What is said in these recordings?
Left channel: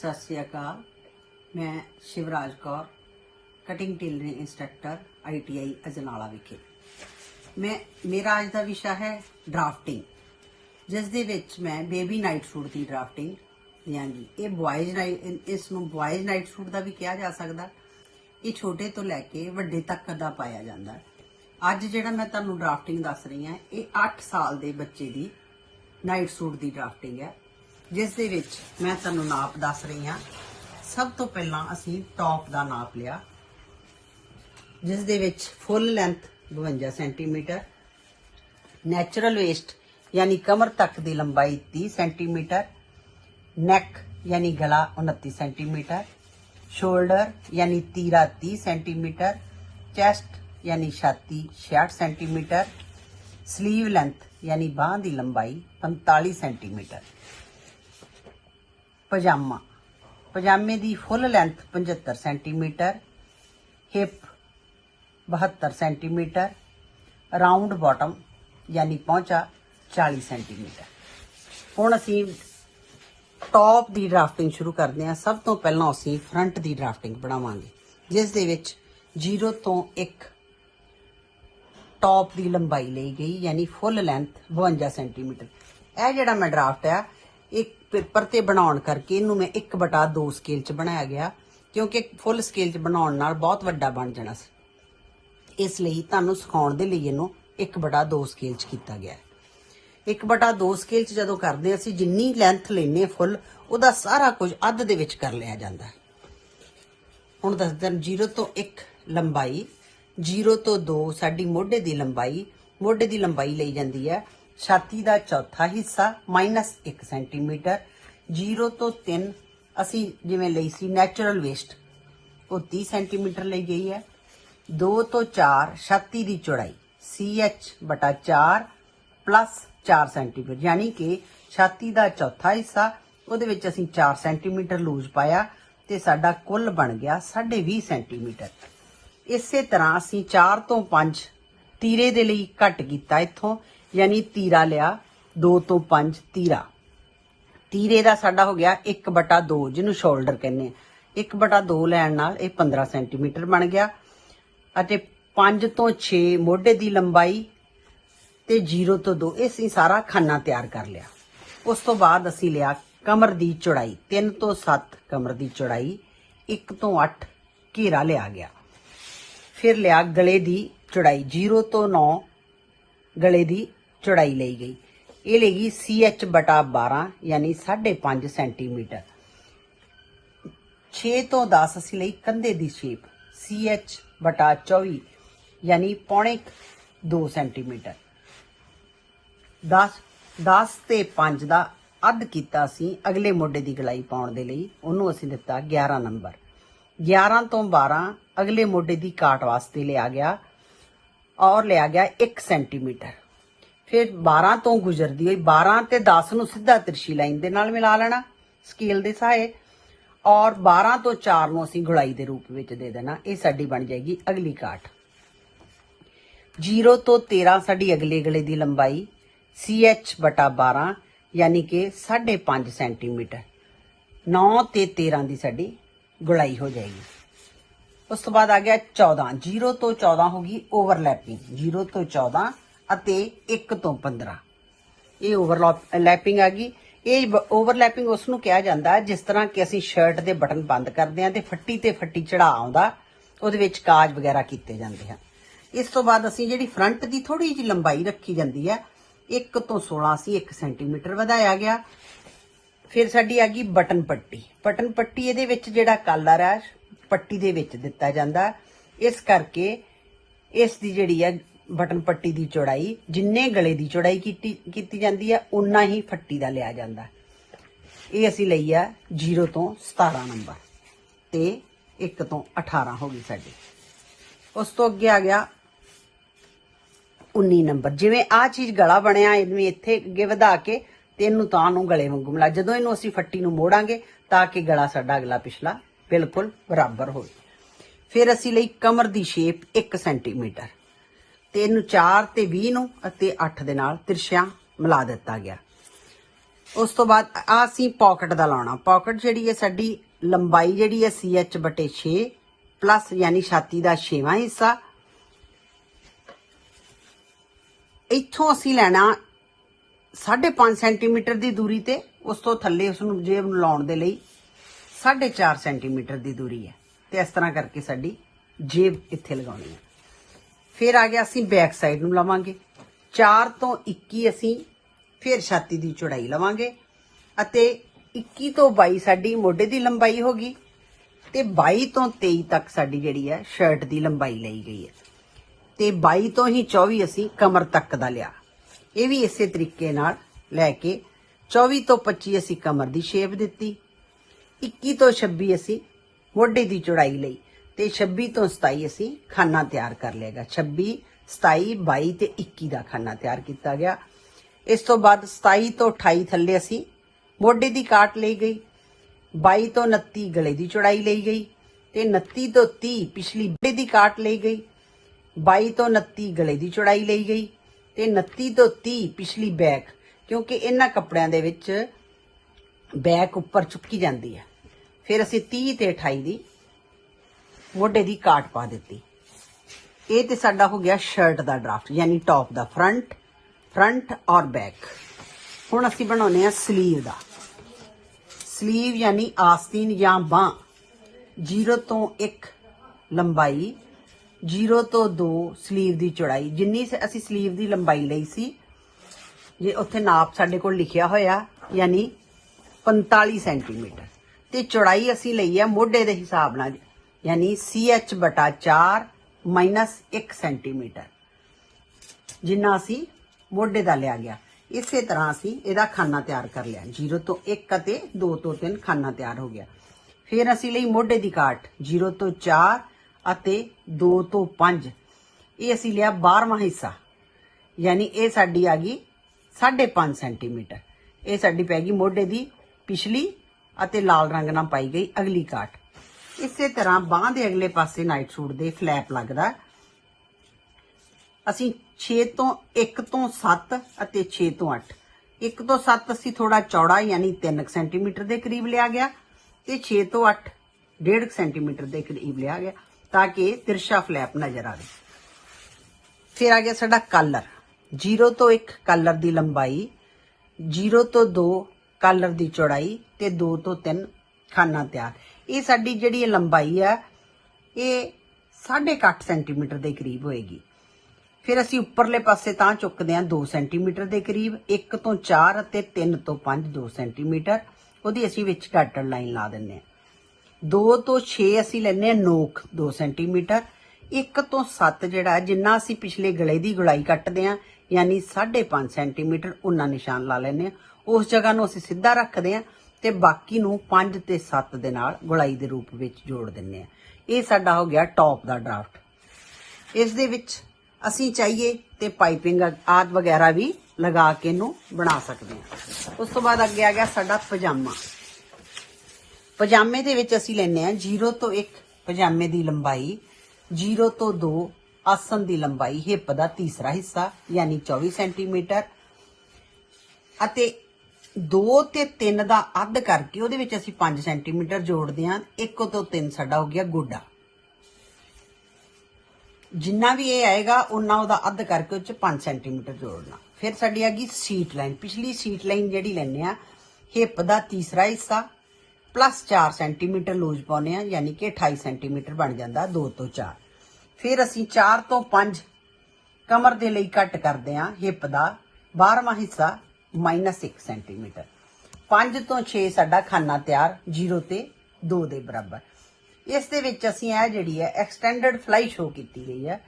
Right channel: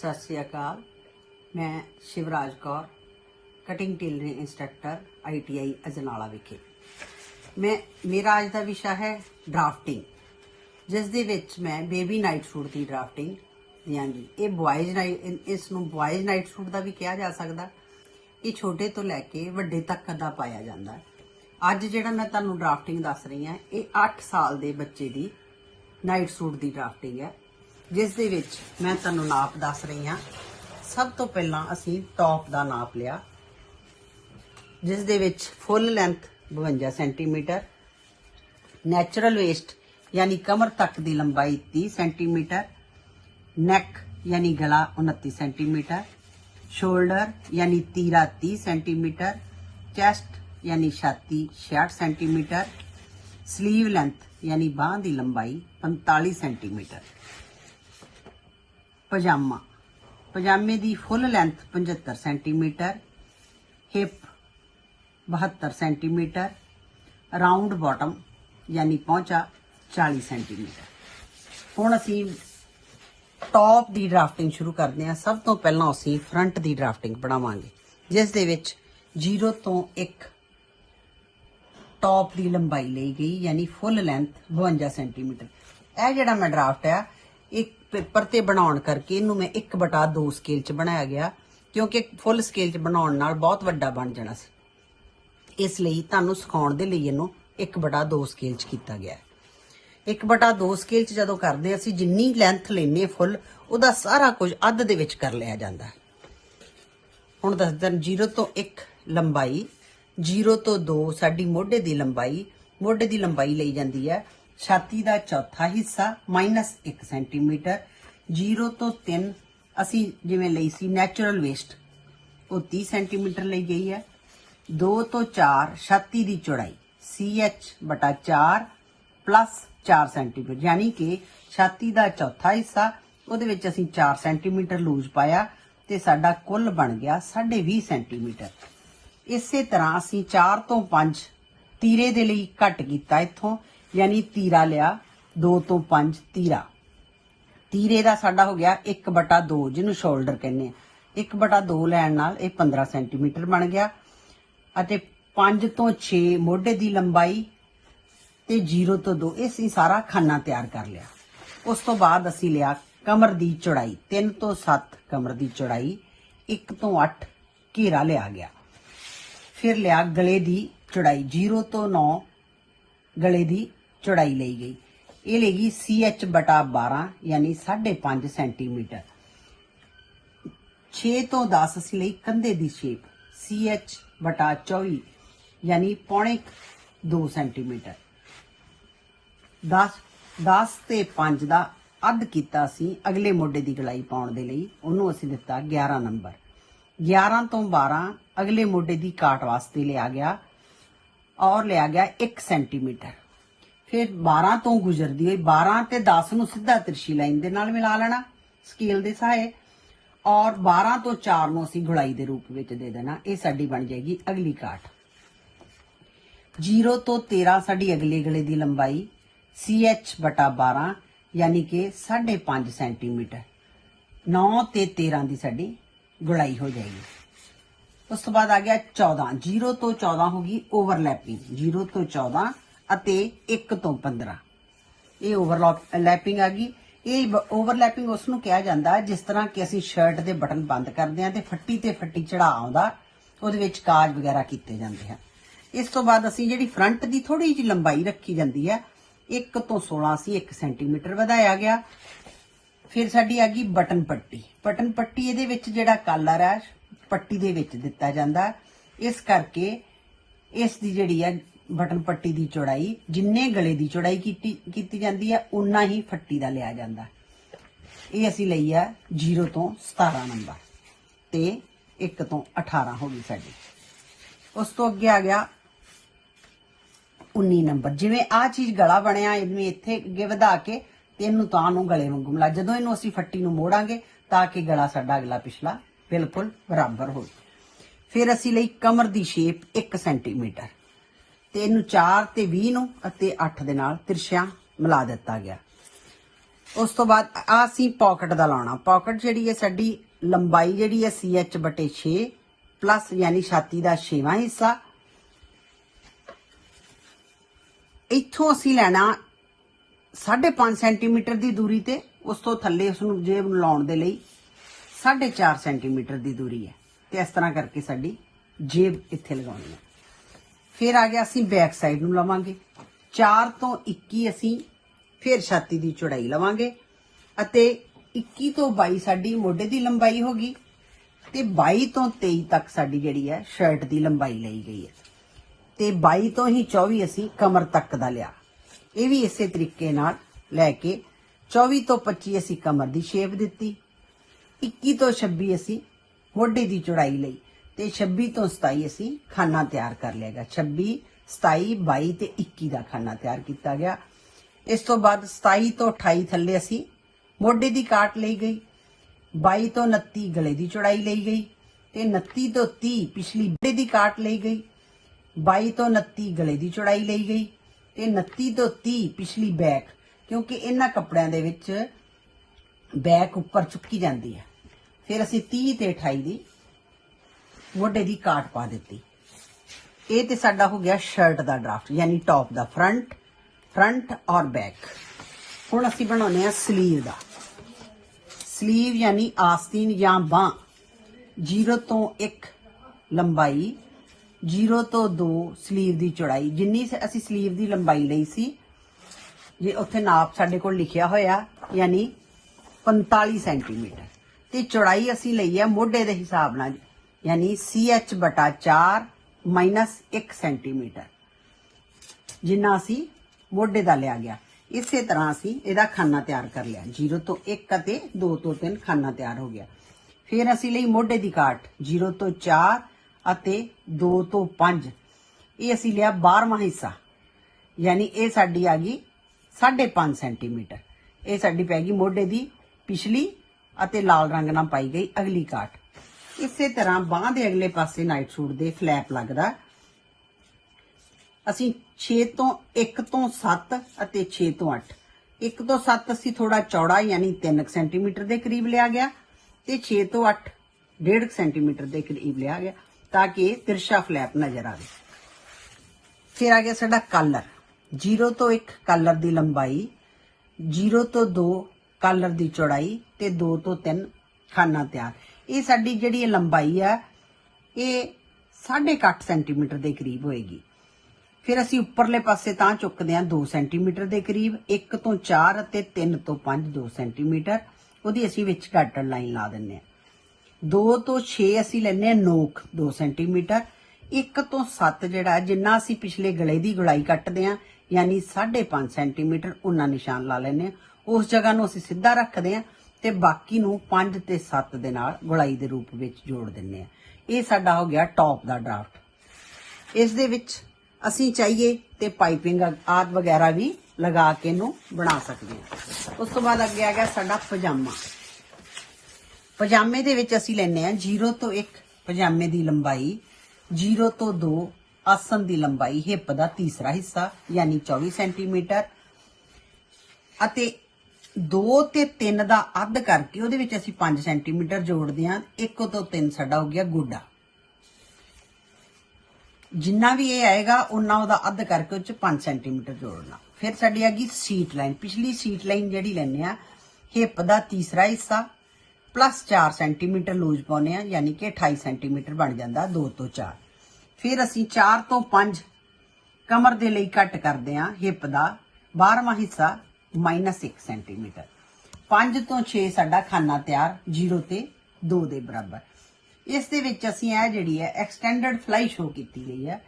सत श्री अकाल। मैं Shivraj Kaur, cutting tailoring instructor ITI Ajnala विखे। मेरा अज का विषय है ड्राफ्टिंग, जिस दे विच मैं बेबी नाइट सूट की ड्राफ्टिंग देंगी। ये बॉयज़ नाइट, इसनूं बॉयज़ नाइट सूट का भी कहा जा सकता। ये छोटे तो लैके वड्डे तक दा पाया जाता है। अज जिहड़ा मैं तुहानूं ड्राफ्टिंग दस रही हाँ, ये 8 साल के बच्चे की नाइट सूट की ड्राफ्टिंग है, जिस दे विच मैं तुहानूं नाप दस रही हाँ। सब तो पहला असी टॉप का नाप लिया, जिस दे विच full length 52 centimetre, natural waist यानी कमर तक की लंबाई 30 सेंटीमीटर, नैक यानी गला 29 सेंटीमीटर, शोल्डर यानी तीरा 30 सेंटीमीटर, चैस्ट यानी छाती 66 सेंटीमीटर, स्लीव लेंथ यानी बांह की लंबाई 45 सेंटीमीटर, पजामा पजामे की full length 75 centimetre, hip 72 centimetre, round bottom यानी पहुंचा 40 सेंटीमीटर। हुण असीं टॉप की ड्राफ्टिंग शुरू करते हैं। सब तो पहला असीं फ्रंट की ड्राफ्टिंग बनावांगे, जिस दे विच 0 तो 1 टॉप की लंबाई ली गई, यानी फुल लेंथ 52 सेंटीमीटर। यह जिहड़ा मैं ड्राफ्ट है एक पेपर ते बनाउण करके इनू मैं 1/2 स्केल च बनाया गया, क्योंकि फुल स्केल च बनाउण नाल बहुत वड्डा बन जाना सी। इसलिए तुहानूं सिखाउण दे लई इनू 1/2 स्केल च कीता गया। 1/2 स्केल च जदों करदे असीं जिन्नी लेंथ लैने फुल, उहदा सारा कुछ अध दे विच कर लिया जांदा है। हुण दसदे 0 तो 1 लंबाई, 0 तो 2 साडी मोढे दी लंबाई। मोढे दी लंबाई लई जांदी है छाती का चौथा हिस्सा -1 सेंटीमीटर। 0 तो 3 असी जिवें लई सी नैचुरल वेस्ट, वो 30 सेंटीमीटर ली गई है। 2 तो 4 छाती की चौड़ाई CH/4 प्लस 4 सेंटीमीटर, यानी कि छाती का चौथा हिस्सा, उहदे विच असीं 4 सेंटीमीटर लूज पाया तो साडा कुल बन गया 20.5 सेंटीमीटर। इसे तरह असीं 4 तो 5 तीरे दे लई घट कीता इत्थों, यानी तीरा लिया 2 तो 5 तीरा। तीरे का साडा हो गया 1/2, जिन्होंने शोल्डर कहने। 1/2 लैण नाल ये 15 सेंटीमीटर बन गया। 5 तो 6 मोढे की लंबाई ते 0 तो 2 असीं सारा खाना तैयार कर लिया। उस तो बाद असीं लिया कमर की चौड़ाई, 3 तो 7 कमर की चौड़ाई, 1 तो 8 घेरा लिया गया। फिर लिया गले की चौड़ाई, 0 तो 9 गले की चौड़ाई ली गई। ये लेगी CH/12 यानी 5.5 सेंटीमीटर। 6 तो 10 असीं लई कंधे की शेप, CH/24 यानी 2.25 सेंटीमीटर। 10 ते 5 का अध कीता असीं अगले मोढे की गलाई पाउण दे लई, उहनूं असीं दिता 11 नंबर। 11 तो 12 अगले मोढे की काट वास्ते लिया गया और लिया गया 1 सेंटीमीटर। फिर 12 तो गुजरती हुई 12 ते 10 नूं सीधा तिरछी लाइन दे नाल मिला लेना स्केल दे सहायक, और 12 तो 4 नूं असीं गुड़ाई के रूप में दे देना। ये साडी बन जाएगी अगली काट। 0 तो 13 साडी अगले गले की लंबाई, CH/12 यानी कि 5.5 सेंटीमीटर। 9 ते 13 की साडी गुड़ाई हो जाएगी। उस तो बाद आ गया 14। 0 तो 14 होगी ओवरलैपिंग, 0 तो 14 अते 1 तो 15 ये ओवरलैपिंग आ गई। ये ओवरलैपिंग उसनूं कहा जाता है जिस तरह कि असीं शर्ट के बटन बंद करते हैं तो फट्टी ते फट्टी चढ़ा आउंदा, उहदे विच काज वगैरह कीते जाते हैं। इस तो बाद असीं जिहड़ी फ्रंट की थोड़ी जी लंबाई रखी जाती है, 1 तो 16 असीं 1 सेंटीमीटर वधाया गया। फिर साडी आ गई बटन पट्टी। बटन पट्टी इहदे विच जिहड़ा कलर है पट्टी दे विच दिता जाता है, इस करके इसकी जिहड़ी है बटन पट्टी की चौड़ाई, जिन्ने गले की चौड़ाई की जाती है उन्ना ही फट्टी का लिया जाता है। ये असीं लई है 0 तो 17 नंबर ते 1 तो 18 हो गई साडी। उस तो अगे आ गया 19 नंबर। जिवें आ चीज़ गला बनिया, इवें इत्थे अगे वधा के ते इनूं तां नूं गले वांगू मिला, जदों इनूं असीं फट्टी नूं मोड़ांगे ताकि गला साडा अगला पिछला बिल्कुल बराबर हो। फिर असीं लई कमर की शेप 1 सेंटीमीटर ते इनूं 4 ते 20 नूं अते 8 दे नाल तिरछियां मिला दिता गया। उस तो बाद असी पॉकेट का लाना। पॉकेट जी है साडी लंबाई जी है CH/6 प्लस यानी छाती का 6वां हिस्सा। इथों असी लेना 5.5 सेंटीमीटर की दूरी ते, उस तो थले उसनू जेब नूं लाउण दे लई 4.5 सेंटीमीटर की दूरी है। तो इस तरह करके साडी जेब इत्थे लगाउणी है। फिर आ गया असी बैक साइड नूं लवांगे 4 तो 21 असी फिर छाती की चौड़ाई लवांगे अते 21 तो 22 साडी मोढे की लंबाई होगी ते 22 तो 23 तक साडी जिहड़ी है शर्ट की लंबाई लई गई है ते 22 तो ही 24 असी कमर तक दा लिया। ये भी इसे तरीके नाल लैके 24 तो 25 असी कमर की शेप दिती, 21 तो 26 असी मोढे की चौड़ाई लई ते 26 तो 27 असी खाना तैयार कर लिया। 26, 27, 22 ते 21 का खाना तैयार किया गया। इस तो बाद 27 तो 28 थले असी मोढे की काट ली गई, 22 तो 29 गले की चौड़ाई ली गई ते 29 तो 30 पिछली मोढे की काट ली गई, 22 तो 29 गले की चौड़ाई ली गई ते 29 तो 30 पिछली बैक, क्योंकि इन्हां कपड़ियां दे विच बैक उपर चुकी जाती है। फिर असी 30 ते 28 की मोढे की काट पा दी। ये तो साडा हो गया शर्ट का ड्राफ्ट यानी टॉप का फ्रंट और बैक। हुण असी बनाउने आ स्लीव का। स्लीव यानी आस्तीन या बांह 0 तो 1 लंबाई, 0 तो 2 स्लीव की चौड़ाई। जिन्नी से असी स्लीव की लंबाई लई सी जे उत्थे नाप साडे कोल लिखिया होया यानी 45 सेंटीमीटर ते चौड़ाई असी लई है मोढे के हिसाब नाल यानी CH/4 माइनस 1 सेंटीमीटर जिन्ना असी मोढे का लिया गया। इसे तरह असी इहदा खाना तैयार कर लिया। 0 तो 1 ते 2 तो 3 खाना तैयार हो गया। फिर असी लई मोढे की काट 0 तो 4 अते 2 तो 5। ये असी लिया 12वां हिस्सा यानी ये साडी आ गई 5.5 सेंटीमीटर। ये साडी पै गई मोढे की पिछली अते लाल रंग नाल पाई गई अगली काट। इसे तरह बांह के अगले पासे नाइट सूट के फ्लैप लगदा असी 6 तो 1 तो 7 अते 6 तो 8। 1 तो 7 असी थोड़ा चौड़ा यानी 3 सेंटीमीटर के करीब लिया गया ते 6 तो 8 1.5 सेंटीमीटर के करीब लिया गया ताकि तिरछा फ्लैप नजर आए। फिर आ गया साडा कॉलर 0 तो 1 कॉलर की लंबाई, 0 तो 2 कॉलर की चौड़ाई ते 2 तो 3 खाना तैयार। ये साडी जिहड़ी लंबाई है ये 8.5 सेंटीमीटर के करीब होएगी। फिर असी उपरले पासे तां चुकते हैं 2 सेंटीमीटर के करीब, 1 तो 4 ते 3 तो 5 2 सेंटीमीटर उहदी असी विच गाटर लाइन ला दिंदे हैं। 2 तो 6 असी लैने नोक 2 सेंटीमीटर, 1 तो 7 जिहड़ा जिन्ना असी पिछले गले की गुलाई कट्टदे हैं यानी 5.5 सेंटीमीटर उन्ना निशान ला लैने हैं। उस जगह नूं असी सीधा रखते हैं ते बाकी नूं 5 ते 7 दे नाल गुलाई दे रूप विच जोड़ दिंदे हैं। ये साडा हो गया टॉप का ड्राफ्ट। इस दे विच असी चाहिए तो पाइपिंग आदि वगैरह भी लगा के इनू बना सकते हैं। उस तो बाद अगे आ गया साडा पजामा। पजामे दे विच असी लैने हैं 0 तो 1 पजामे की लंबाई, 0 तो 2 आसन की लंबाई, हिप का तीसरा हिस्सा यानी 24 सेंटीमीटर अते 2 ते 3 का अध करके उहदे विच असी 5 सेंटीमीटर जोड़ते हैं। 1 तो 3 साडा हो गया गोडा। जिन्ना भी ये आएगा उन्ना उहदा अध करके उस 5 सेंटीमीटर जोड़ना। फिर साडी आ गई सीट लाइन। पिछली सीट लाइन जिहड़ी लैने आ हिप का तीसरा हिस्सा प्लस 4 सेंटीमीटर लूज पाउने आ यानी कि 28 सेंटीमीटर बन जाता 2 तो 4। फिर असी 4 तो 5 कमर दे लई कट करते हैं हिप का 12वां हिस्सा माइनस 1 सेंटीमीटर। 5 तो 6 साडा खाना तैयार 0 ते 2 के बराबर। इस दे विच असीं यह जिहड़ी है एक्सटेंडेड फ्लाई शो की गई है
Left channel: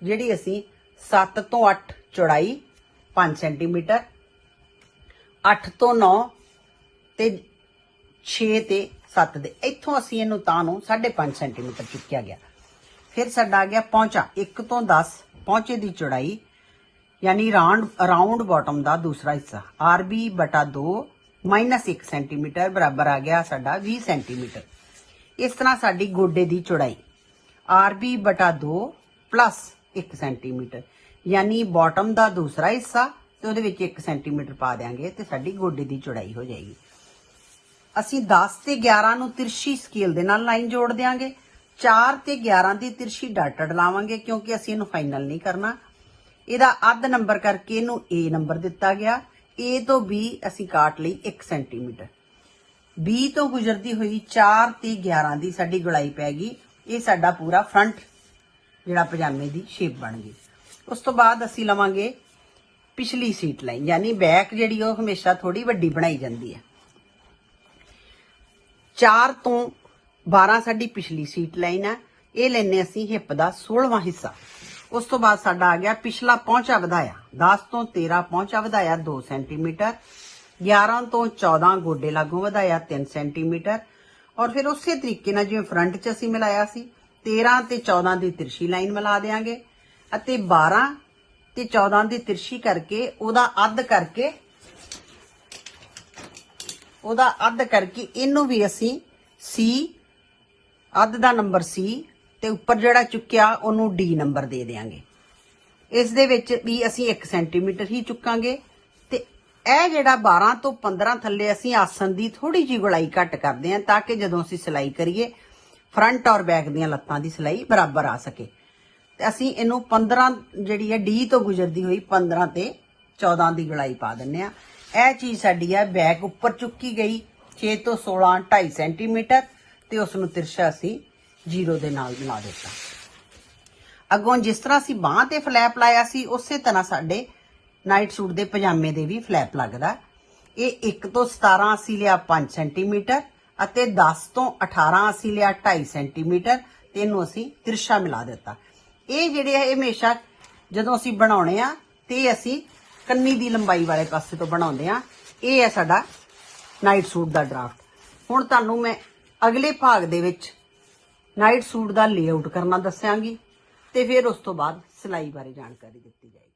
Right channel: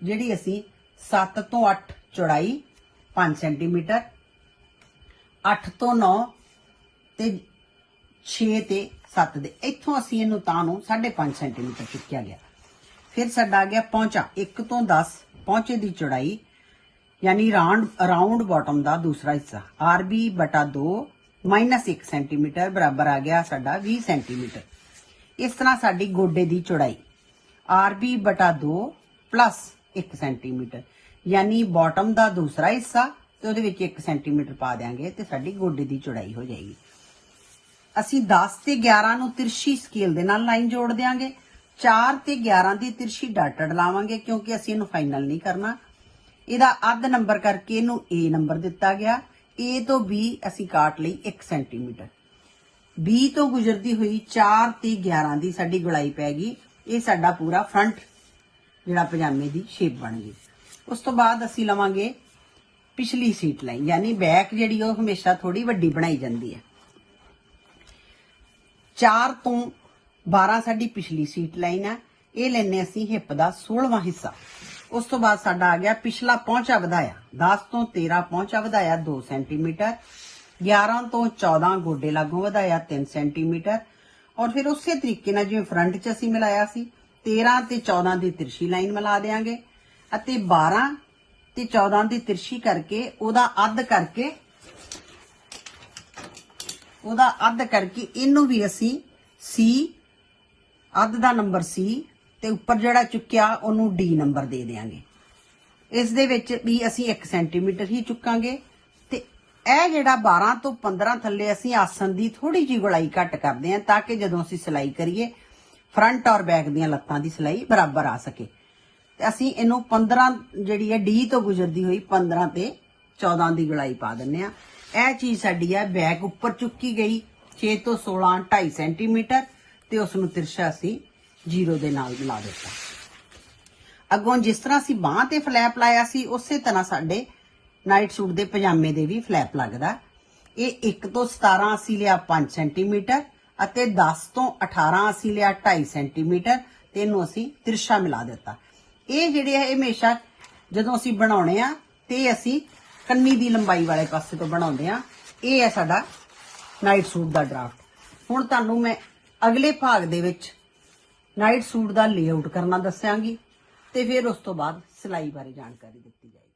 जिहड़ी असीं 7 तो 8 चौड़ाई 5 सेंटीमीटर, 8 तो 9 ते 6 ते 7 दे इत्थों असीं इहनूं तां नूं 5.5 सेंटीमीटर चुक्या गया। फिर साडा आ गया पहुंचा 1 तो 10 पहुंचे की चौड़ाई यानी राउंड बॉटम का दूसरा हिस्सा RB/2 माइनस 1 सेंटीमीटर बराबर आ गया साडा 20 सेंटीमीटर। इस तरह साडी गोडे की चौड़ाई RB/2 प्लस 1 सेंटीमीटर यानी बॉटम का दूसरा हिस्सा ਤੇ ਉਹਦੇ ਵਿੱਚ 1 ਸੈਂਟੀਮੀਟਰ ਪਾ ਦਿਆਂਗੇ ਤੇ ਸਾਡੀ ਗੋਡੇ ਦੀ ਚੌੜਾਈ ਹੋ ਜਾਏਗੀ। ਅਸੀਂ 10 ਤੇ 11 ਨੂੰ ਤਿਰਛੀ ਸਕੇਲ ਦੇ ਨਾਲ ਲਾਈਨ ਜੋੜ ਦਿਆਂਗੇ। 4 ਤੇ 11 ਦੀ ਤਿਰਛੀ ਡਾਟਡ ਲਾਵਾਂਗੇ ਕਿਉਂਕਿ ਅਸੀਂ ਇਹਨੂੰ ਫਾਈਨਲ ਨਹੀਂ ਕਰਨਾ। ਇਹਦਾ ਅੱਧ ਨੰਬਰ ਕਰਕੇ ਇਹਨੂੰ A ਨੰਬਰ ਦਿੱਤਾ ਗਿਆ। A ਤੋਂ B ਅਸੀਂ ਕਾਟ ਲਈ 1 ਸੈਂਟੀਮੀਟਰ। B ਤੋਂ ਗੁਜ਼ਰਦੀ ਹੋਈ 4 ਤੇ 11 ਦੀ ਸਾਡੀ ਗੁਲਾਈ ਪੈ ਗਈ। ਇਹ ਸਾਡਾ ਪੂਰਾ ਫਰੰਟ ਜਿਹੜਾ ਪਜਾਮੇ ਦੀ ਸ਼ੇਪ ਬਣ ਗਈ। ਉਸ ਤੋਂ ਬਾਅਦ ਅਸੀਂ ਲਵਾਂਗੇ ਪਿਛਲੀ ਸੀਟ ਲਾਈਨ, ਯਾਨੀ ਬੈਕ ਜਿਹੜੀ ਉਹ ਹਮੇਸ਼ਾ ਥੋੜੀ ਵੱਡੀ ਬਣਾਈ ਜਾਂਦੀ ਹੈ। 4 ਤੋਂ 12 ਸਾਡੀ ਪਿਛਲੀ ਸੀਟ ਲਾਈਨ ਆ। ਇਹ ਲੈਨੇ ਅਸੀਂ ਹਿੱਪ ਦਾ 16ਵਾਂ ਹਿੱਸਾ। ਉਸ ਤੋਂ ਬਾਅਦ ਸਾਡਾ ਆ ਗਿਆ ਪਿਛਲਾ ਪਹੁੰਚਾ ਵਧਾਇਆ। 10 ਤੋਂ 13 ਪਹੁੰਚਾ ਵਧਾਇਆ 2 ਸੈਂਟੀਮੀਟਰ। 11 ਤੋਂ 14 ਗੋਡੇ ਲਾਗੋਂ ਵਧਾਇਆ 3 ਸੈਂਟੀਮੀਟਰ। ਔਰ ਫਿਰ ਉਸੇ ਤਰੀਕੇ ਨਾਲ ਜਿਵੇਂ ਫਰੰਟ 'ਚ ਅਸੀਂ ਮਿਲਾਇਆ ਸੀ, 13 ਤੇ 14 ਦੀ ਤਿਰਛੀ ਲਾਈਨ ਮਿਲਾ ਦੇਾਂਗੇ ਅਤੇ 12 ਤੇ 14 ਦੀ ਤਿਰਛੀ ਕਰਕੇ ਉਹਦਾ ਅੱਧ ਕਰਕੇ ਇਹਨੂੰ ਵੀ ਅਸੀਂ C, ਅੱਧ ਦਾ ਨੰਬਰ C ਤੇ ਉੱਪਰ ਜਿਹੜਾ ਚੁੱਕਿਆ ਉਹਨੂੰ D ਨੰਬਰ ਦੇ ਦੇਾਂਗੇ। ਇਸ ਦੇ ਵਿੱਚ ਵੀ ਅਸੀਂ 1 ਸੈਂਟੀਮੀਟਰ ਹੀ ਚੁੱਕਾਂਗੇ ਤੇ ਇਹ ਜਿਹੜਾ 12 ਤੋਂ 15 ਥੱਲੇ ਅਸੀਂ ਆਸਨ ਦੀ ਥੋੜੀ ਜਿਹੀ ਗੁਲਾਈ ਘੱਟ ਕਰਦੇ ਹਾਂ ਤਾਂ ਕਿ ਜਦੋਂ ਅਸੀਂ ਸਿਲਾਈ ਕਰੀਏ ਫਰੰਟ ਔਰ ਬੈਕ ਦੀਆਂ ਲੱਤਾਂ ਦੀ ਸਿਲਾਈ ਬਰਾਬਰ ਆ ਸਕੇ। ਤੇ ਅਸੀਂ ਇਹਨੂੰ 15 ਜਿਹੜੀ ਹੈ D ਤੋਂ ਗੁਜ਼ਰਦੀ ਹੋਈ 15 ਤੇ 14 ਦੀ ਗੁਲਾਈ ਪਾ ਦਿੰਦੇ ਆ। ਇਹ ਚੀਜ਼ ਸਾਡੀ ਹੈ ਬੈਕ ਉੱਪਰ ਚੁੱਕੀ ਗਈ 6 ਤੋਂ 16 2.5 ਸੈਂਟੀਮੀਟਰ ਤੇ ਉਸ ਨੂੰ ਤਿਰਛਾ ਅਸੀਂ 0 ਦੇ ਨਾਲ ਮਿਲਾ ਦਿੱਤਾ। ਅੱਗੋਂ ਜਿਸ ਤਰ੍ਹਾਂ ਅਸੀਂ ਬਾਹਾਂ ਤੇ ਫਲੈਪ ਲਾਇਆ ਸੀ ਉਸੇ ਤਰ੍ਹਾਂ ਸਾਡੇ ਨਾਈਟ ਸੂਟ ਦੇ ਪਜਾਮੇ ਦੇ ਵੀ ਫਲੈਪ ਲੱਗਦਾ। ਇਹ 1 ਤੋਂ 17 ਅਸੀਂ ਲਿਆ 5 ਸੈਂਟੀਮੀਟਰ ਅਤੇ 10 ਤੋਂ 18 ਅਸੀਂ ਲਿਆ 2.5 ਸੈਂਟੀਮੀਟਰ ਤੇ ਇਹਨੂੰ ਅਸੀਂ ਤਿਰਛਾ ਮਿਲਾ ਦਿੱਤਾ। ਇਹ ਜਿਹੜੇ ਹੈ ਹਮੇਸ਼ਾ ਜਦੋਂ ਅਸੀਂ ਬਣਾਉਣੇ ਆ ਤੇ ਅਸੀਂ ਕੰਨੀ ਦੀ ਲੰਬਾਈ ਵਾਲੇ ਪਾਸੇ ਤੋਂ ਬਣਾਉਂਦੇ ਆ। ਇਹ ਹੈ ਸਾਡਾ ਨਾਈਟ ਸੂਟ ਦਾ ਡਰਾਫਟ। ਹੁਣ ਤੁਹਾਨੂੰ ਮੈਂ ਅਗਲੇ ਭਾਗ ਦੇ ਵਿੱਚ ਨਾਈਟ ਸੂਟ ਦਾ ਲੇਆਊਟ ਕਰਨਾ ਦੱਸਾਂਗੀ ਤੇ ਫਿਰ ਉਸ ਤੋਂ ਬਾਅਦ ਸਿਲਾਈ ਬਾਰੇ ਜਾਣਕਾਰੀ ਦਿੱਤੀ ਜਾਏਗੀ।